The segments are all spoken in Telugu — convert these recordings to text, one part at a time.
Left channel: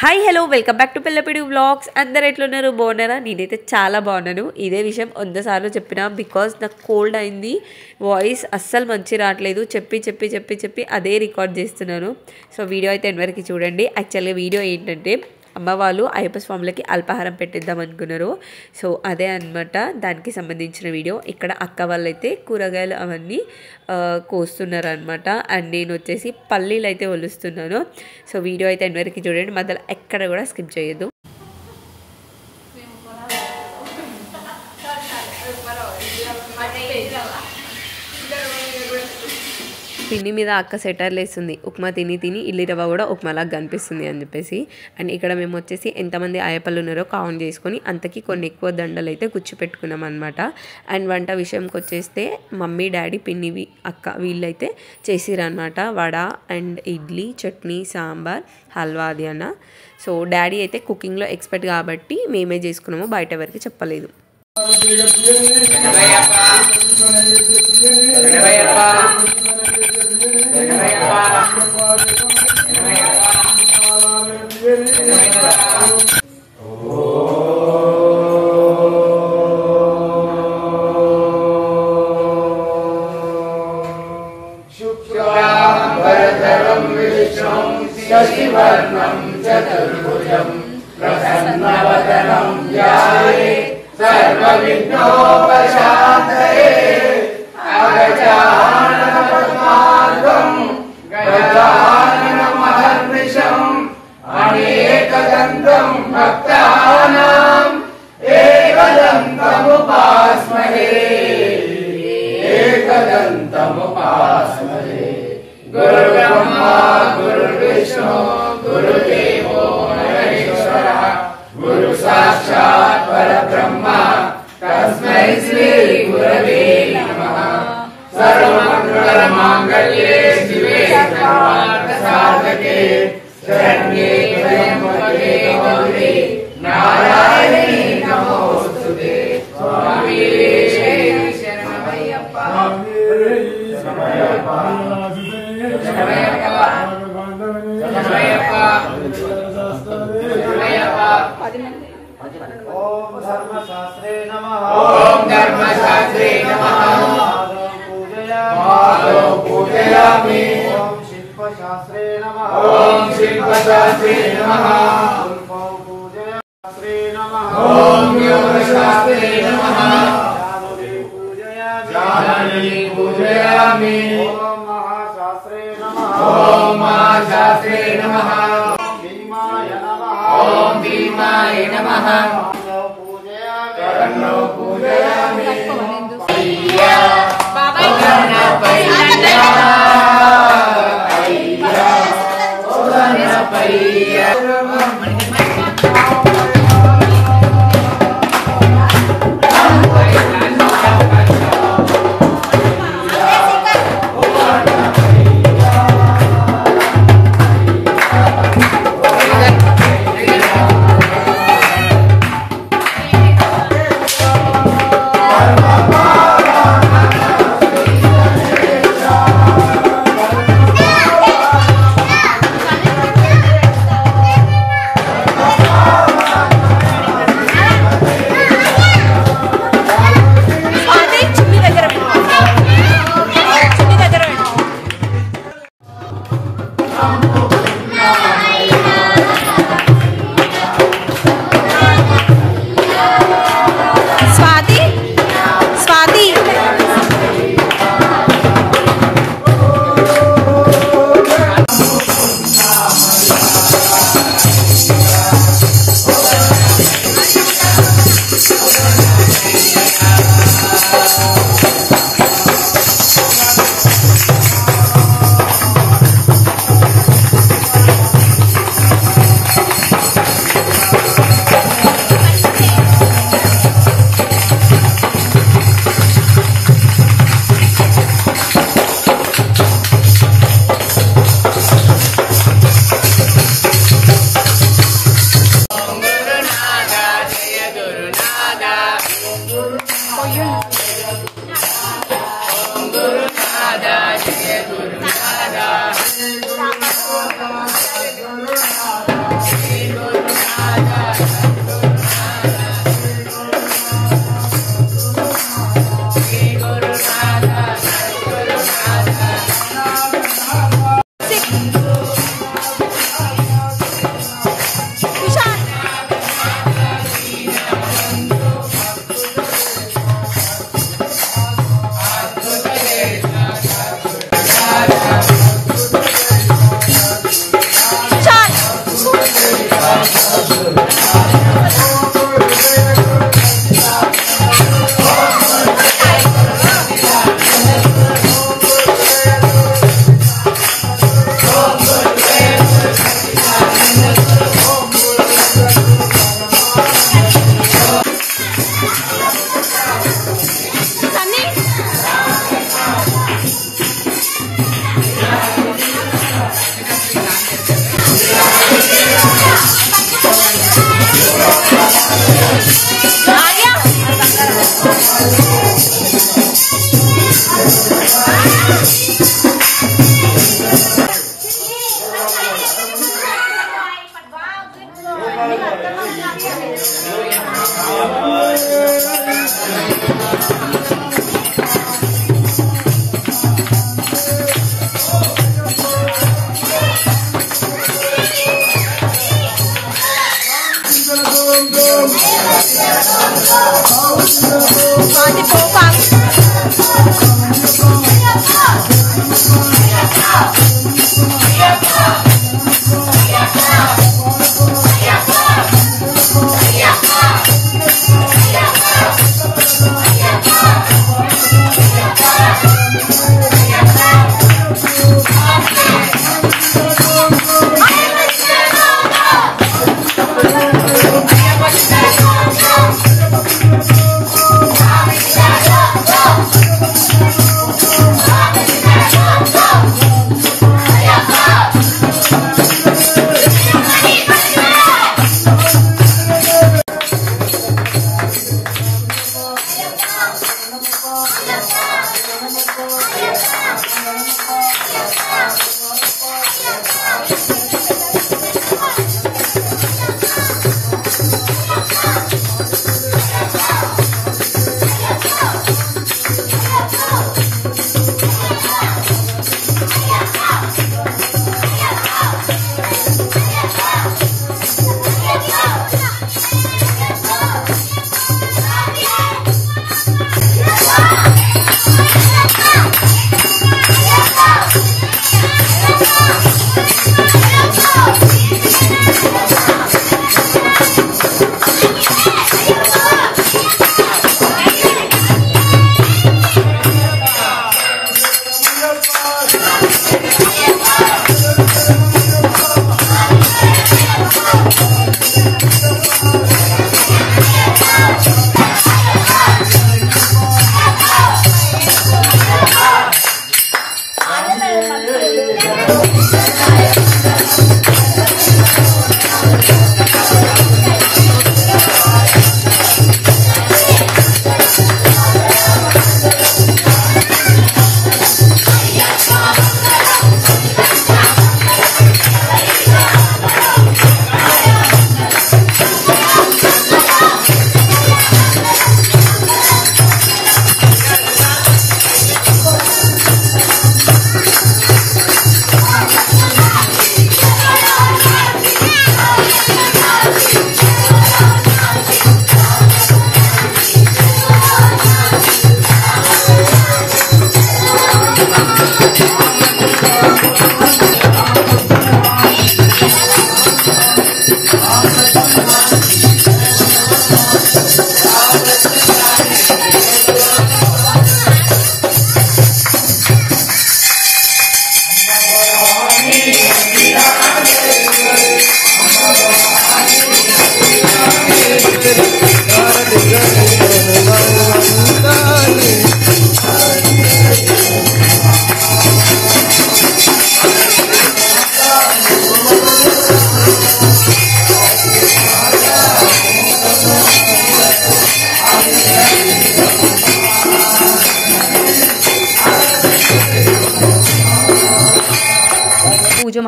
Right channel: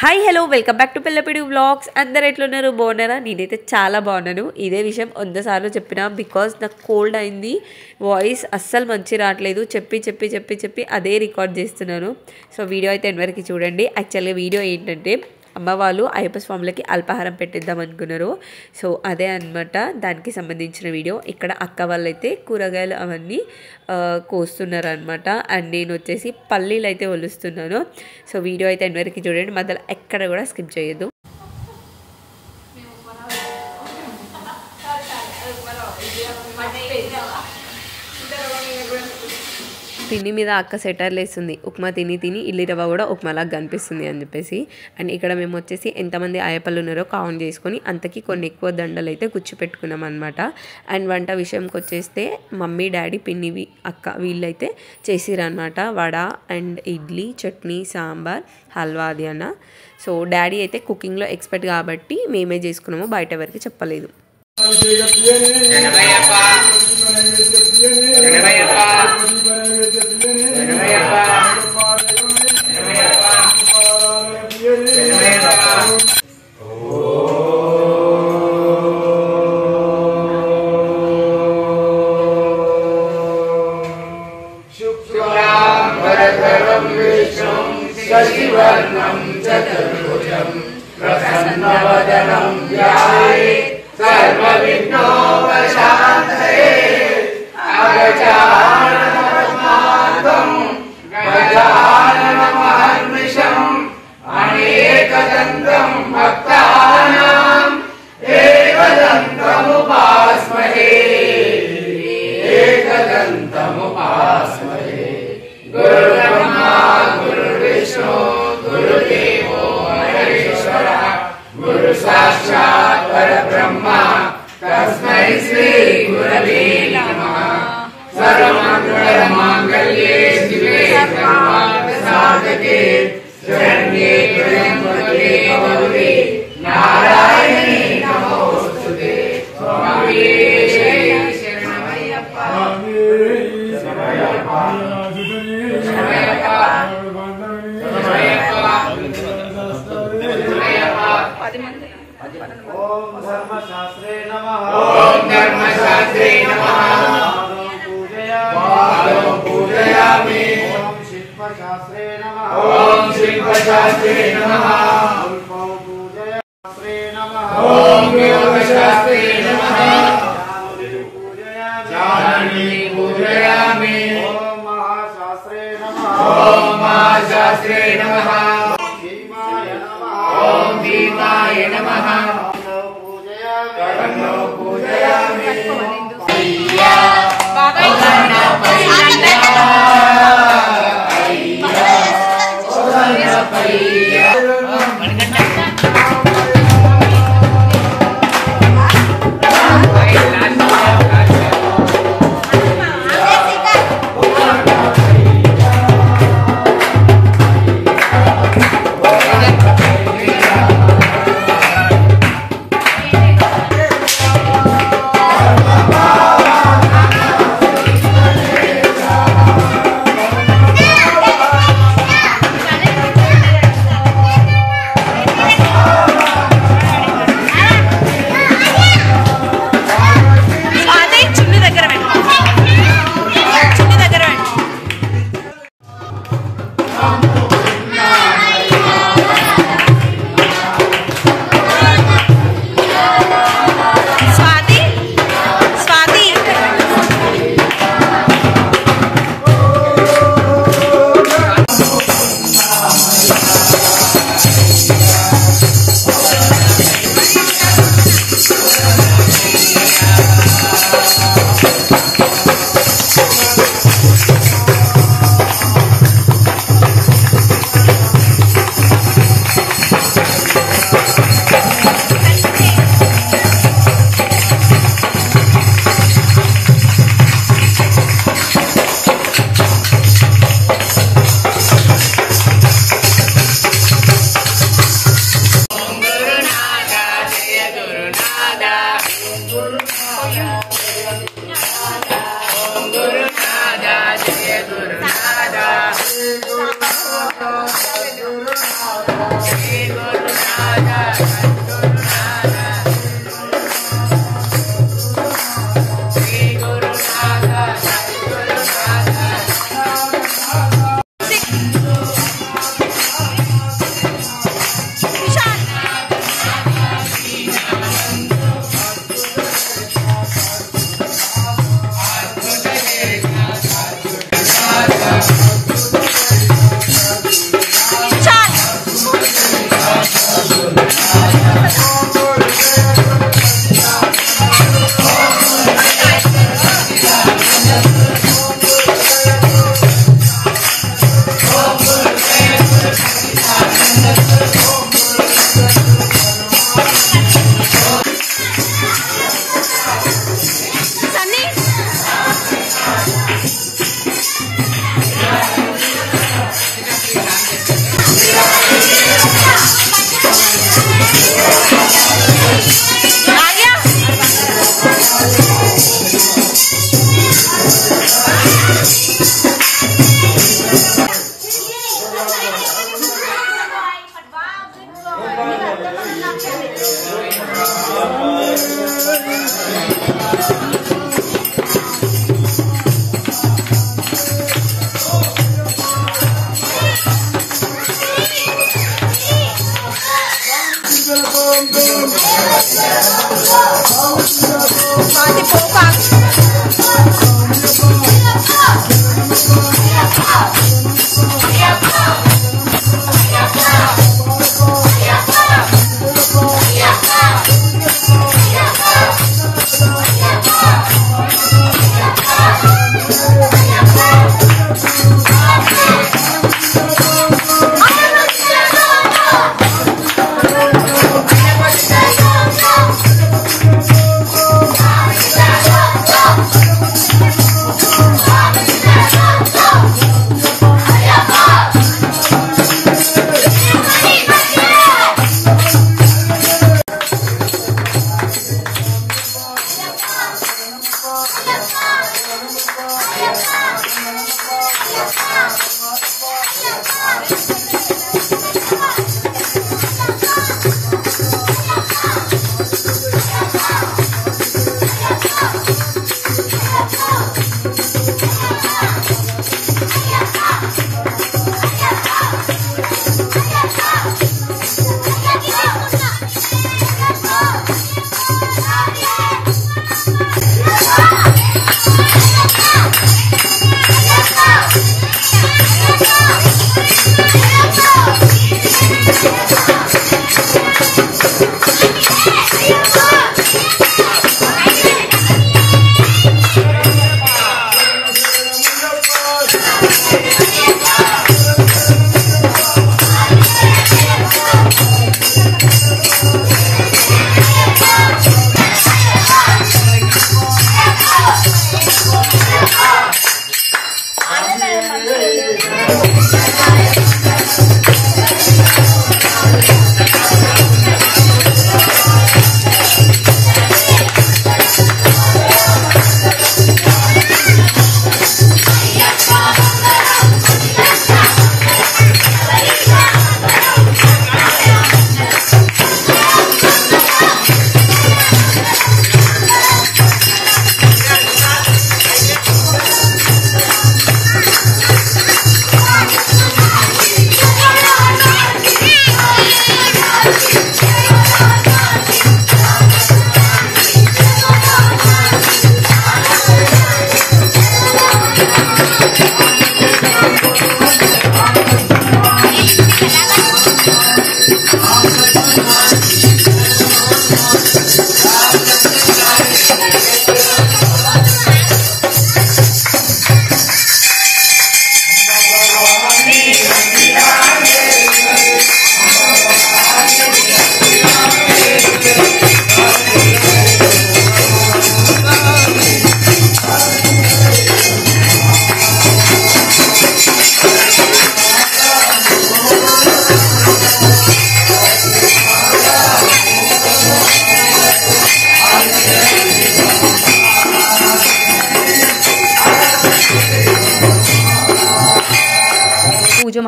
Hi hello welcome back to Pillapidi vlogs. అందరు ఎట్లున్నారు? బాగున్నారా? నేనైతే చాలా బాగున్నాను. ఇదే విషయం 100 సార్లు చెప్పినా, బికాజ్ నాకు కోల్డ్ అయింది, వాయిస్ అస్సలు మంచి రావట్లేదు. చెప్పి అదే రికార్డ్ చేస్తున్నాను. సో వీడియో అయితే ఎంతవరకు చూడండి. యాక్చువల్గా వీడియో ఏంటంటే, అమ్మ వాళ్ళు అయ్యప్ప స్వాములకి అల్పాహారం పెట్టిద్దాం అనుకున్నారు. సో అదే అనమాట దానికి సంబంధించిన వీడియో. ఇక్కడ అక్క వాళ్ళైతే కూరగాయలు అవన్నీ కోస్తున్నారు అనమాట. అండ్ నేను వచ్చేసి పల్లీలు అయితే ఒలుస్తున్నాను. సో వీడియో అయితే ఎంతవరకు చూడండి, మధ్యలో ఎక్కడ కూడా స్కిప్ చేయొద్దు. పిన్ని మీద అక్క సెటర్లు వేస్తుంది, ఉప్మా తిని ఇల్లి రవ్వ కూడా ఉప్మాలాగా కనిపిస్తుంది అని చెప్పేసి. అండ్ ఇక్కడ మేము వచ్చేసి ఎంతమంది అయ్యప్పలు ఉన్నారో కౌంట్ చేసుకొని అంతకి కొన్ని ఎక్కువ దండలు అయితే కూర్చోపెట్టుకున్నాం అనమాట. అండ్ వంట విషయంకి వచ్చేస్తే మమ్మీ డాడీ పిన్ని అక్క వీళ్ళైతే చేసిరనమాట. వడ అండ్ ఇడ్లీ చట్నీ సాంబార్ హల్వా అది అన్న. సో డాడీ అయితే కుకింగ్లో ఎక్స్పర్ట్ కాబట్టి మేమే చేసుకున్నాము, బయట ఎవరికి చెప్పలేదు. शशिवर्णं चतुर्भुजं प्रसन्नवदनं ध्यायेत् सर्वविघ्नोपशान्तये अगजाननपद्मार्गं गजाननमहर्निशम् अनेकदन्तं भक्तानाम् एकदन्तमुपास्महे गुरुब्रह्मा गुरुर्विष्णु गुरुदेवो महेश्वरः गुरु साक्षात् परब्रह्म तस्मै श्री गुरवे नमः। सर्वमङ्गलमाङ्गल्ये शिवे सर्वार्थसाधके शरण्ये त्र्यम्बके गौरी नारायणी नमोस्तुते। स्वामी ओम धर्मशास्त्रे नमः। ओम धर्मशास्त्रे नमः। पूजयामि। ओम शिल्पशास्त्रे नमः। ओम शिल्पशास्त्रे नमः। पूजयास्त्रे नमः। ओम योगशास्त्रे नमः। जाननी पूजयामि। ओम महाशास्त्रे नमः। ओम महाशास्त्रे नमः। भीमाय नमः। ओम भीमाय नमः। कर्णो पूजयामि।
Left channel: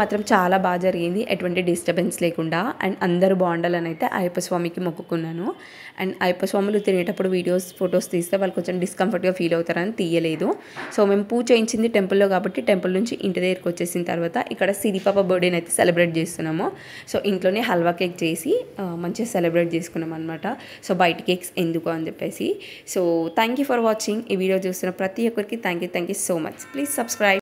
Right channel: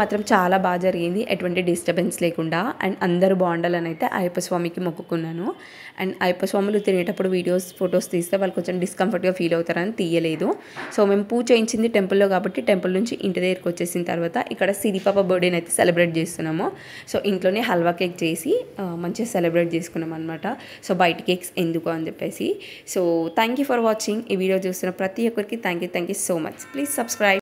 మాత్రం చాలా బాగా జరిగింది, ఎటువంటి డిస్టర్బెన్స్ లేకుండా. అండ్ అందరూ బాగుండాలని అయితే అయ్యప్ప స్వామికి మొక్కుకున్నాను. అండ్ అయ్యప్ప స్వాములు తినేటప్పుడు ఫొటోస్ తీస్తే వాళ్ళు కొంచెం డిస్కంఫర్ట్గా ఫీల్ అవుతారని తీయలేదు. సో మేము పూజ చేయించింది టెంపుల్లో కాబట్టి టెంపుల్ నుంచి ఇంటి దగ్గరికి వచ్చేసిన తర్వాత ఇక్కడ సిరిపాప బర్త్డేని అయితే సెలబ్రేట్ చేస్తున్నాము. సో ఇంట్లోనే హల్వా కేక్ చేసి మంచిగా సెలబ్రేట్ చేసుకున్నాం అనమాట. సో బయట కేక్స్ ఎందుకు అని చెప్పేసి. So thank you for watching. ఈ వీడియో చూస్తున్న ప్రతి ఒక్కరికి thank you so much. Please subscribe.